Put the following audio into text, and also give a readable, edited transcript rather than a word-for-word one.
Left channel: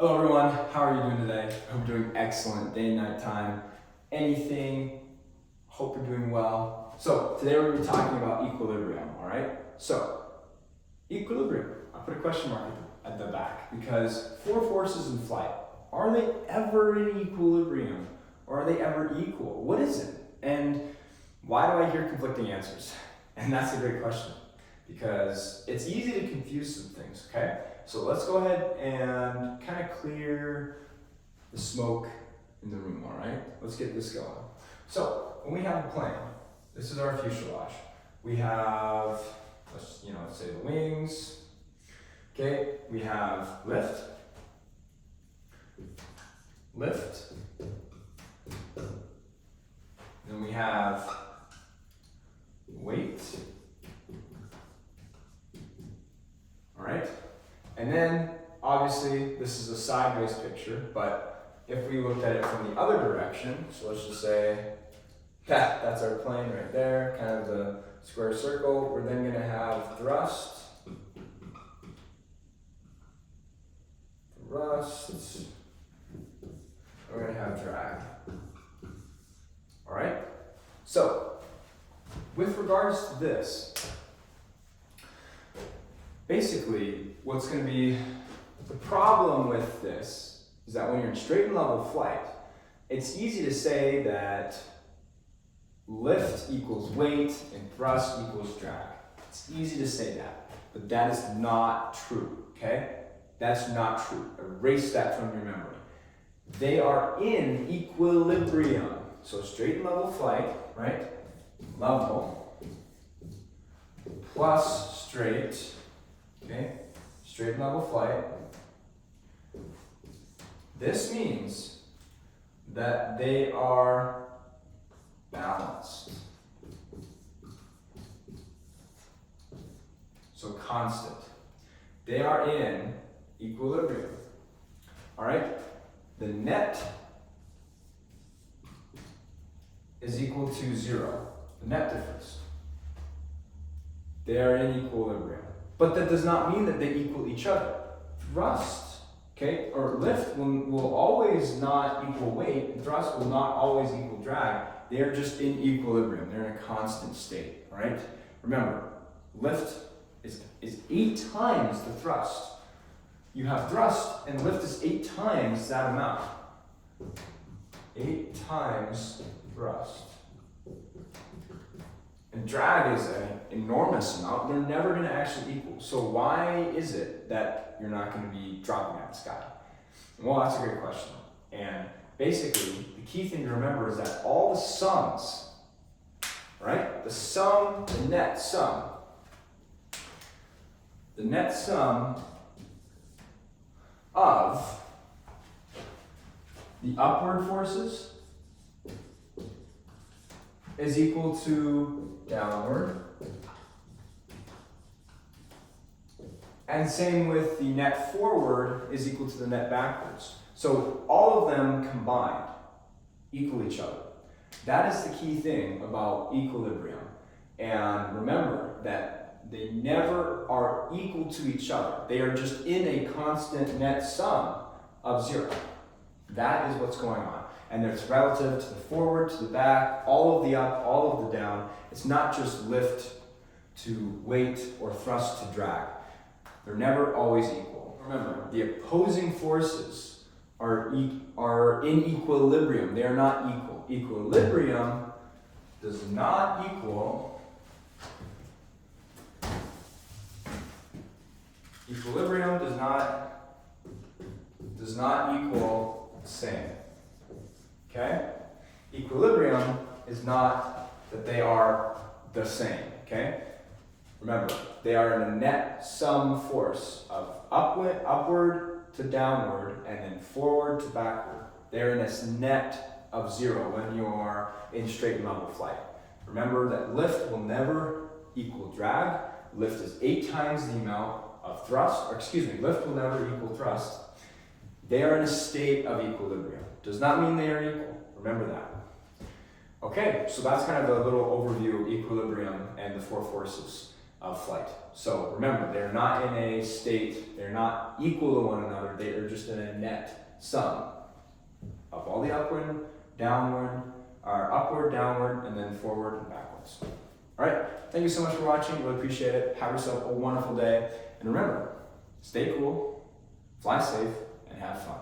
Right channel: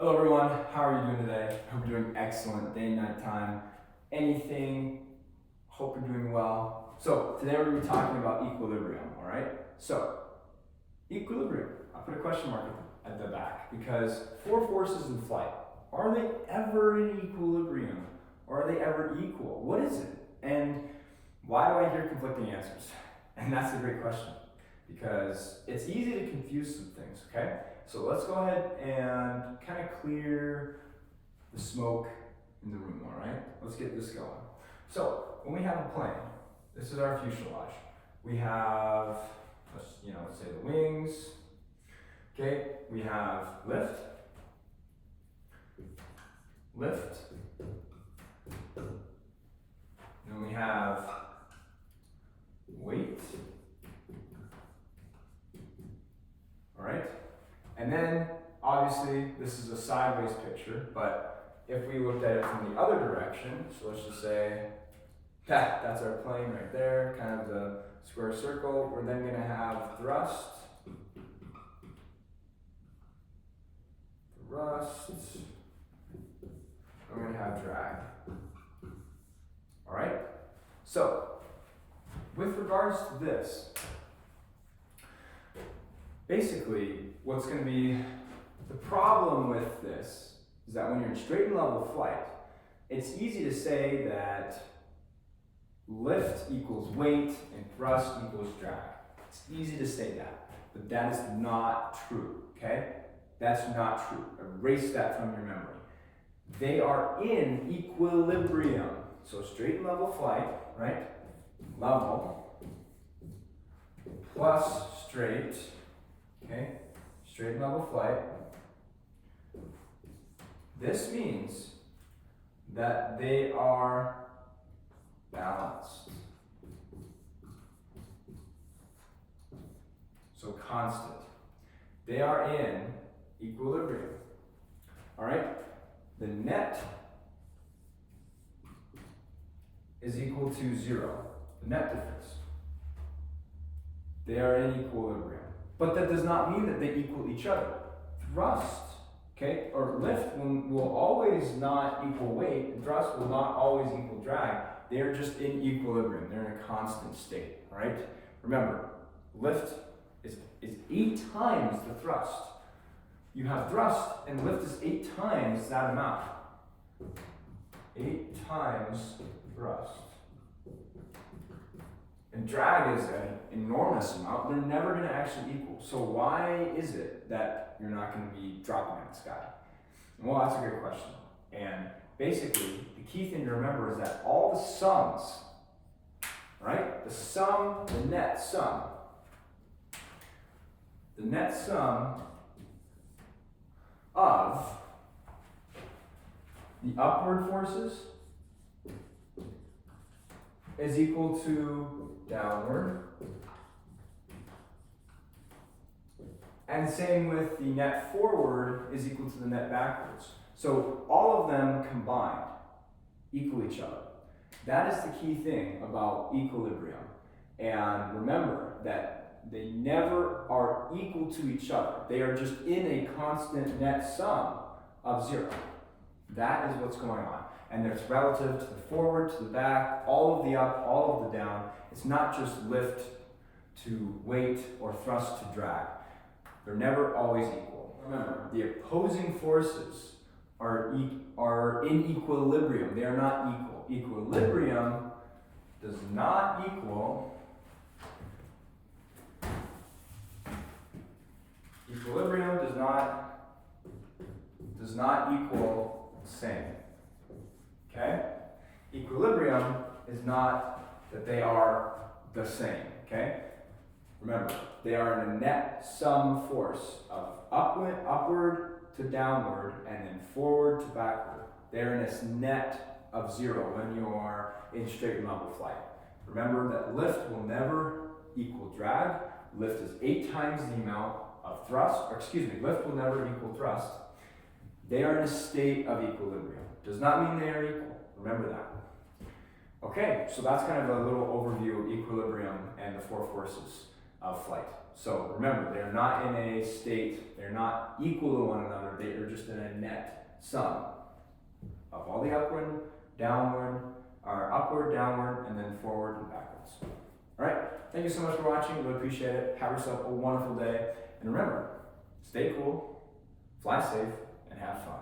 Hello everyone, how are you doing today? I hope you're doing excellent day, night time, anything. Hope you're doing well. So today we're going to be talking about equilibrium, all right? So equilibrium, I put a question mark at the back because four forces in flight, are they ever in equilibrium? Or are they ever equal? What is it? And why do I hear conflicting answers? And that's a great question because it's easy to confuse some things, okay? So let's go ahead and kind of clear the smoke in the room, all right? Let's get this going. So when we have a plane, this is our fuselage. We have, let's say the wings, okay? We have lift, then we have weight, all right? And then, obviously, this is a sideways picture, but if we looked at it from the other direction, so let's just say, that's our plane right there, kind of the square circle, we're then gonna have thrust, we're gonna have drag. All right? So, with regards to this, basically, what's going to be the problem with this is that when you're in straight and level flight, it's easy to say that lift equals weight and thrust equals drag. It's easy to say that, but that is not true, okay? That's not true. Erase that from your memory. They are in equilibrium. So straight and level flight, right? Level plus straight, okay? Straight and level flight. This means that they are balanced. So constant. They are in equilibrium. All right? The net is equal to 0. The net difference. They are in equilibrium. But that does not mean that they equal each other. Thrust, okay, or lift will always not equal weight, and thrust will not always equal drag. They are just in equilibrium. They're in a constant state, all right? Remember, lift is 8 times the thrust. You have thrust, and lift is 8 times that amount. 8 times thrust. And drag is an enormous amount. They're never going to actually equal. So why is it that you're not going to be dropping out of the sky? Well, that's a great question. And basically, the key thing to remember is that all the sums, right? The net sum of the upward forces is equal to downward. And same with the net forward is equal to the net backwards. So all of them combined equal each other. That is the key thing about equilibrium. And remember that they never are equal to each other. They are just in a constant net sum of 0. That is what's going on. And it's relative to the forward, to the back, all of the up, all of the down. It's not just lift to weight or thrust to drag. They're never always equal. Remember, the opposing forces are in equilibrium. They are not equal. Equilibrium does not equal same. Okay? Equilibrium is not that they are the same, okay? Remember, they are in a net sum force of upward to downward and then forward to backward. They're in this net of 0 when you are in straight and level flight. Remember that lift will never equal drag. Lift is 8 times the amount of thrust, lift will never equal thrust. They are in a state of equilibrium. Does not mean they are equal. Remember that. Okay, so that's kind of a little overview of equilibrium and the 4 forces of flight. So remember, they're not in a state, they're not equal to one another. They are just in a net sum of all the upward, downward, and then forward and backwards. All right, thank you so much for watching. Really appreciate it. Have yourself a wonderful day. And remember, stay cool, fly safe, and have fun.